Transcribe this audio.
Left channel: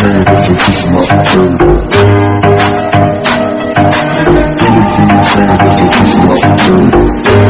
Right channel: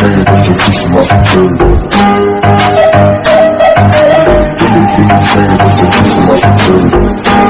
saying, that's just kissing my security. Everything you saying, that's just kissing my security.